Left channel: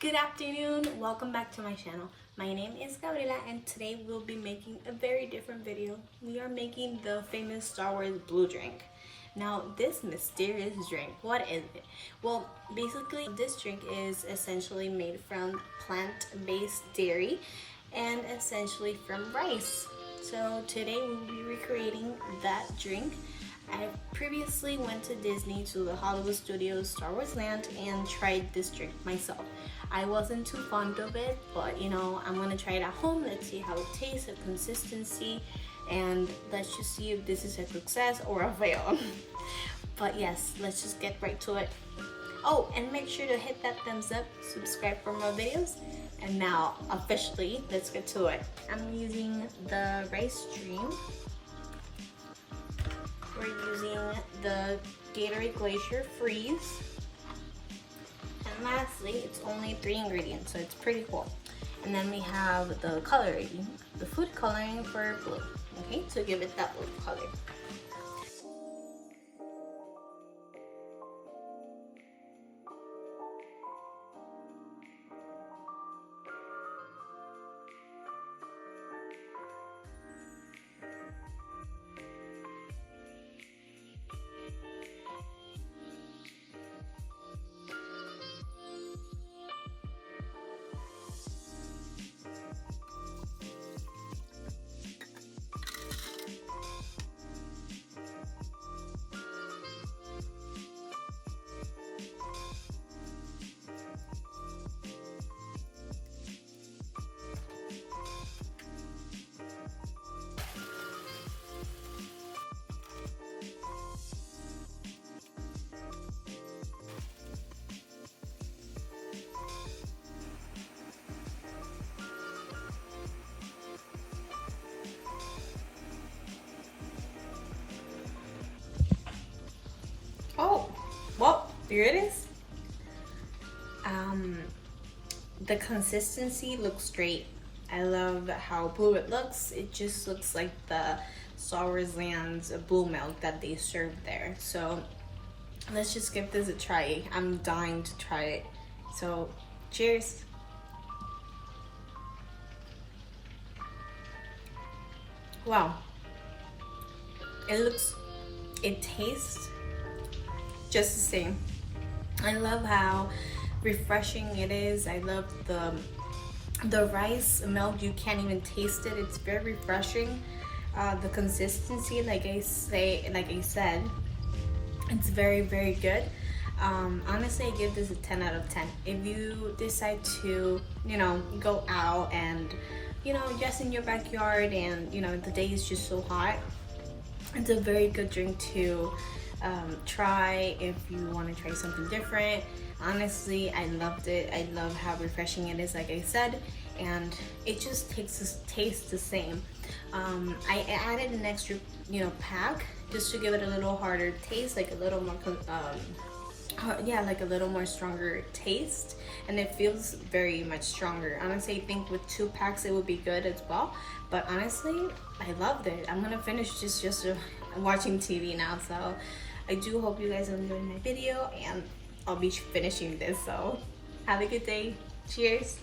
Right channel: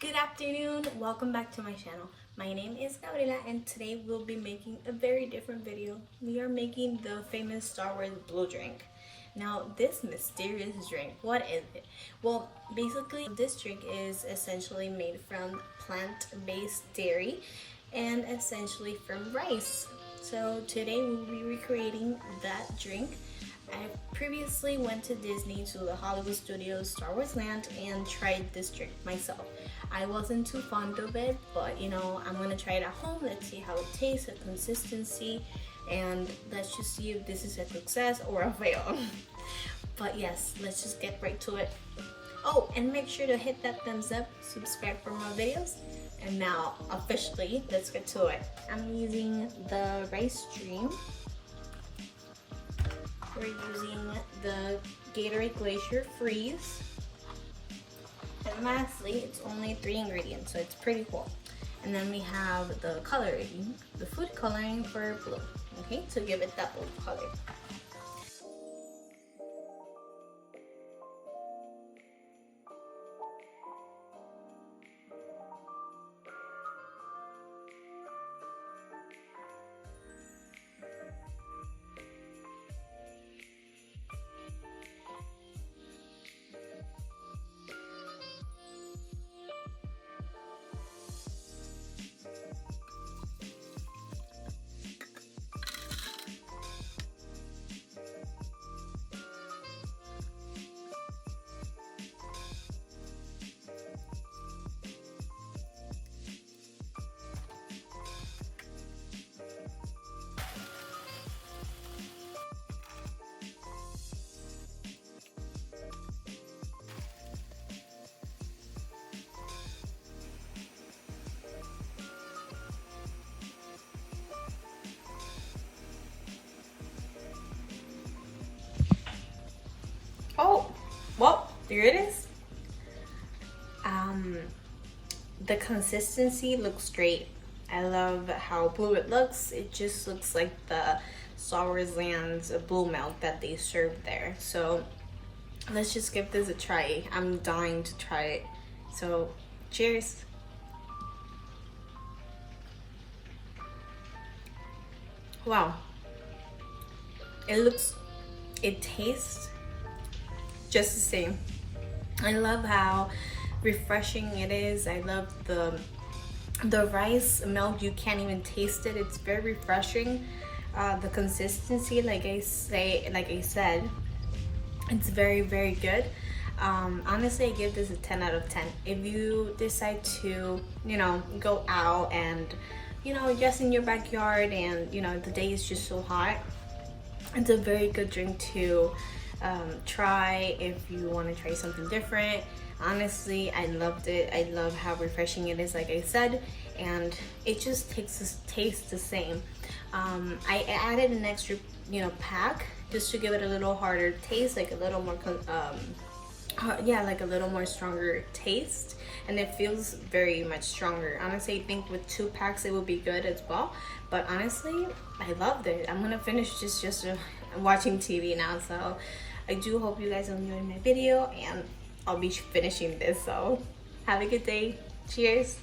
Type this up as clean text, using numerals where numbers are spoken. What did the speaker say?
Good afternoon, welcome back to my channel. My name is Gabriela and today we'll be making a very different video. We are making the famous Star Wars blue drink. Now this mysterious drink, what is it? Well, basically this drink is essentially made from plant-based dairy and essentially from rice. So today we'll be recreating that drink. I previously went to Disney, to the Hollywood Studios, Star Wars Land, and tried this drink myself. I wasn't too fond of it, but you know, I'm gonna try it at home. Let's see how it tastes, the consistency, and let's just see if this is a success or a fail. But yes, let's just get right to it. Oh, and make sure to hit that thumbs up, subscribe for more videos. And now, officially, let's get to it. I'm using the rice stream. We're using the Gatorade Glacier Freeze. And lastly, it's only 3 ingredients, so it's pretty cool. And then we have the coloring, the food coloring for blue, okay, to give it that blue color. Oh, well, there it is. The consistency looks great. I love how blue it looks. It just looks like the Star Wars Land's blue milk that they serve there. So let's just give this a try. I'm dying to try it. So cheers. Wow. It tastes just the same. I love how refreshing it is. I love the rice milk. You can't even taste it. It's very refreshing. The consistency, like I said, it's very, very good. Honestly, I give this a 10 out of 10. If you decide to, you know, go out and, you know, just in your backyard and, you know, the day is just so hot, it's a very good drink to try if you want to try something different. Honestly, I loved it. I love how refreshing it is, like I said, and it just tastes the same. I added an extra, you know, pack just to give it a little harder taste, like a little more, like a little more stronger taste, and it feels very much stronger. Honestly, I think with 2 packs it would be good as well. But honestly, I loved it. I'm gonna finish this just watching TV now, so I do hope you guys are enjoying my video, and I'll be finishing this, so have a good day. Cheers.